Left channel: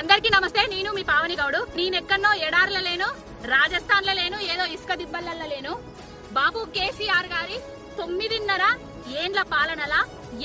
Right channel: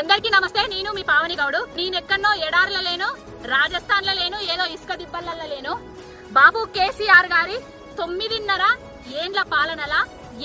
అందరికీ నమస్తే నేను మీ పావని గౌడు. నేనెక్కడో ఎడార్ల లేను రాజస్థాన్లో లేను ఏదో ఇసుక దిబ్బల లేను. బాబు కేసీఆర్ గారి తొమ్మిదిన్నర ఏండ్ల పాలనలా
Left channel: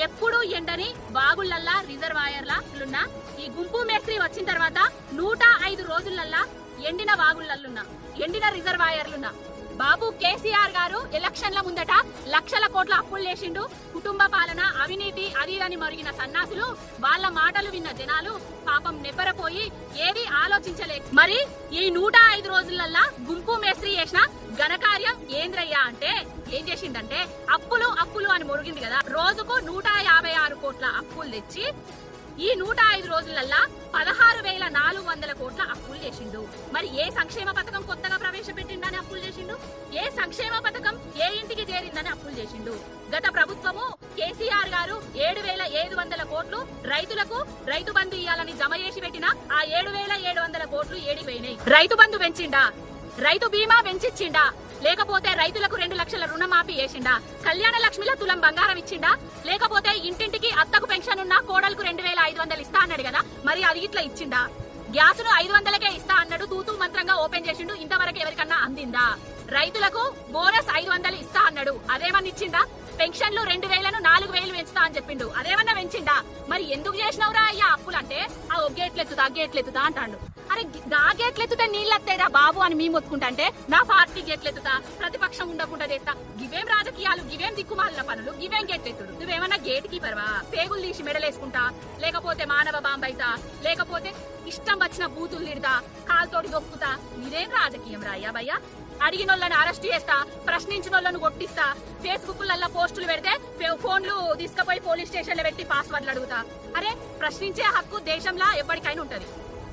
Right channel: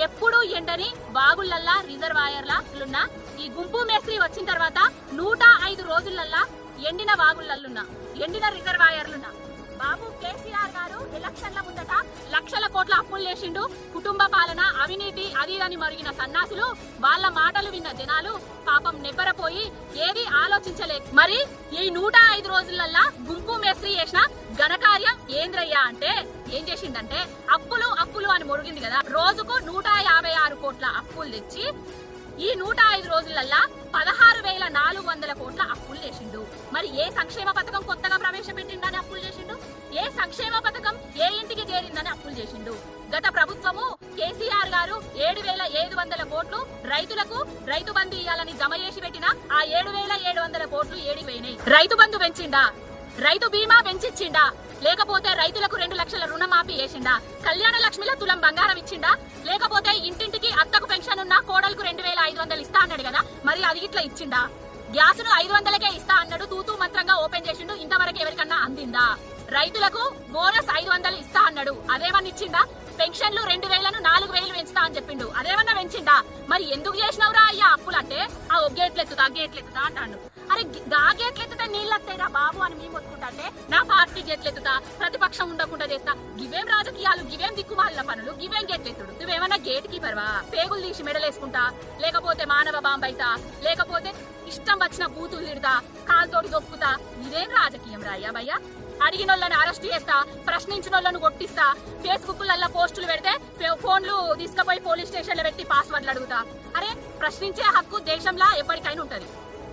ఎప్పుడు ఎండని వాగుళ్ళల్లా రిజర్వాయర్లలున్న ఈ గుంపు మేస్త్రి వచ్చిన తర్వాత నూట ఐదు రోజులల్లా ఎండిన వాగుళ్ళల్లున్నా ఎండిన రిజర్వాయర్లున్నా. బాబు కేసీఆర్ గారు ఎలక్షన్ల ముందట లక్షల కోట్ల అప్పులు చేసిండు కుటుంబ పాలన అవినీతి అది మరిగిన సన్నాసులు వాళ్ళ మాటలు విన్న జనాలు పాపం నిబ్బరపోయి ఏది ఆలోచించలేదు మరి ఈ నూట ఐదు రోజులల్లా గుంపు మేస్త్రి చేసిన ఘనకార్యం ఏంద్రయ్యా అంటే ఏం చేసిండంటే అప్పులు అప్పులు అని మురిగింది కదా. రోజుకు నూట యాభై ఆరు కోట్ల అప్పులు తెచ్చి ఈ నూట ఐదు రోజులల్లా పదహారు వేల నాలుగు వందల కోట్ల అప్పులు చేసిండు మరి ఏ సంక్షేమ పథకం కొత్తగా ప్రవేశపెట్టిండని అప్పులు ఏ సంక్షేమ పథకం ఏ ఇంటికి చేరిందని అప్పులు చేసిండు. గత ప్రభుత్వము కేసీఆర్ గారు ఏడు వేల ఏడు వందల కోట్లు రైతులకు రైతు బంధు ఇవ్వాలని జమ చేసి పెట్టిన ఆ ఏడు వేల ఏడు వందల కోట్లు ఏడిపోయినాయి. రైతు బంధు పెంచిండా? రైతు బీమా పెంచిచ్చిండా? లేకపోతే రైతులకు రెండు లక్షల రుణమాఫీ చేసిండా? కళ్యాణ లక్ష్మిలో తులం బంగారం ఇచ్చిండా? లేకపోతే ఇంటింటికి అత్తకు పెన్షన్ ఉన్న కోడలకు రెండు వేల ఐదు వందలు ఇస్తా అన్నాడు కదా మరి అది ఇట్లా ఇచ్చిండా? గ్యాస్ను ఐదు వందలకే ఇస్తా అన్నాడు తూతూ మంత్రంగా ఓపెన్ చేసిండు ఇంతవరకు ఎవరికన్నా అందిందా? రైతులకు బోనస్ ఐదు వందలు ఇస్తా అన్నాడు. అదేమన్నా ఇచ్చిందా? పెన్షన్లు రెండు వేలను నాలుగు వేలు పెంచుతా అని చెప్పిండు. అదేమన్నా పెంచిందా? మరి ఎందుకు చేసినవురా అయ్యా అప్పులు అంటే ఆ ఒగ్గేట్లెత్తుతా గేట్లెత్తుతా అంటాడు. అరే గి- గా గేట్లెత్తుతే నీళ్ళు వస్తాయిరా బాబు అని మేము మొత్తుకుంటే నా పార్టీ గేట్లెత్తుతా ప్రతిపక్షం ఉండకుండా చేస్తా. గివేం రాజకీయాలు గివేం దిక్కుమాలిన పనులు గివేం గేట్లెత్తుడు నువ్వేమన్నా గేట్ కీపర్వా? పేగులు తీసి మెడలేసుకుంటా. లేకపోతే మానవ బాంబైతా? లేకపోతే ఇష్టం వచ్చిన బూతులు తిడతా కాలుతోటి దొక్కుతా. ఇదేం రాజకీయం రాయ్యా భయ్యా? అడిగిన వాళ్ళని అరెస్ట్ చేస్తా ప్రశ్నించిన వాళ్ళను కొట్టిస్తా ఫేస్బుక్ లల్లా పోస్టులు పెడితే ఫోన్లు తీసుకుపోయి పోలీస్ స్టేషన్లో పెట్టి పాస్వర్డ్లు అడుగుతా. అరే ప్రశ్నించే హక్కు దేశంలో ఎప్పటికైనా ఉంటది.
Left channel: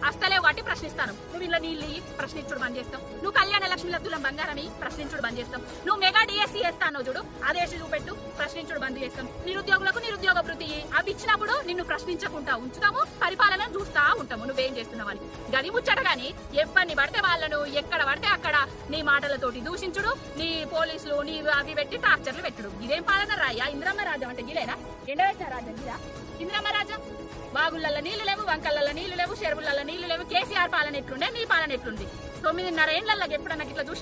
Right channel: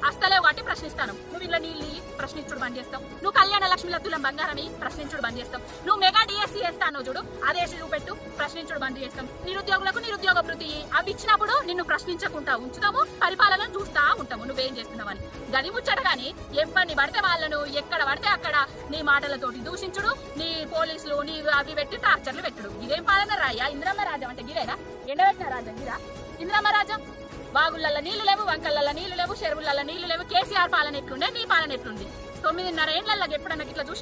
అస్తలేవు కాబట్టి ప్రశ్నిస్తాను. నువ్వు ఇలా నీళ్ళు ప్రశ్నించుడు బంద్ చేస్తావు నువ్వు కళ్యాణ లక్ష్మి లద్దులం బంగారమి ప్రశ్నించుడు బంద్ చేస్తావు నువ్వు మెగా డిఎస్సీ చేస్తాను చూడు అదేసి చూపెట్టు ప్రశ్నించుడు బంద్ చేస్తాం. నిరుద్యోగులకు నిరుద్యోగ వృత్తి అవి ఇచ్చినప్పుడు నిన్ను ప్రశ్నించకుండా ఉంచుతాము పరిపాలన చూస్తా ఉంటాము. నువ్వేం చేస్తున్నావని. గది ముచ్చట గాని ఎవరిని పడితే వాళ్ళను ఎక్కడ పడితే అక్కడ నీ మాటలతోటి దూషించుడు నీ పోలీసులు నీ అవి పెట్టి టార్చర్లు పెట్టుడు. ఇదేం పాలన రాయ్యా? ఇంద్రమ్మ రాజ్యం అంటే గిలేనా? ఎండబెట్టిన రాజ్యం గిరా? ఇంద్రమ్మ రాజ్యం? బాగుళ్ళల్లో నీళ్ళు లేవు వంకళ్ళల్లో నీళ్ళు లేవు చెరువులలో నీళ్ళు లేవు కేసీఆర్ పాలన ఎట్లుండే నీ పాలన ఎట్లుంది? తొమ్మిదిన్నర ఏండ్లకి ఎప్పుడన్నా ఇట్లా చూసినా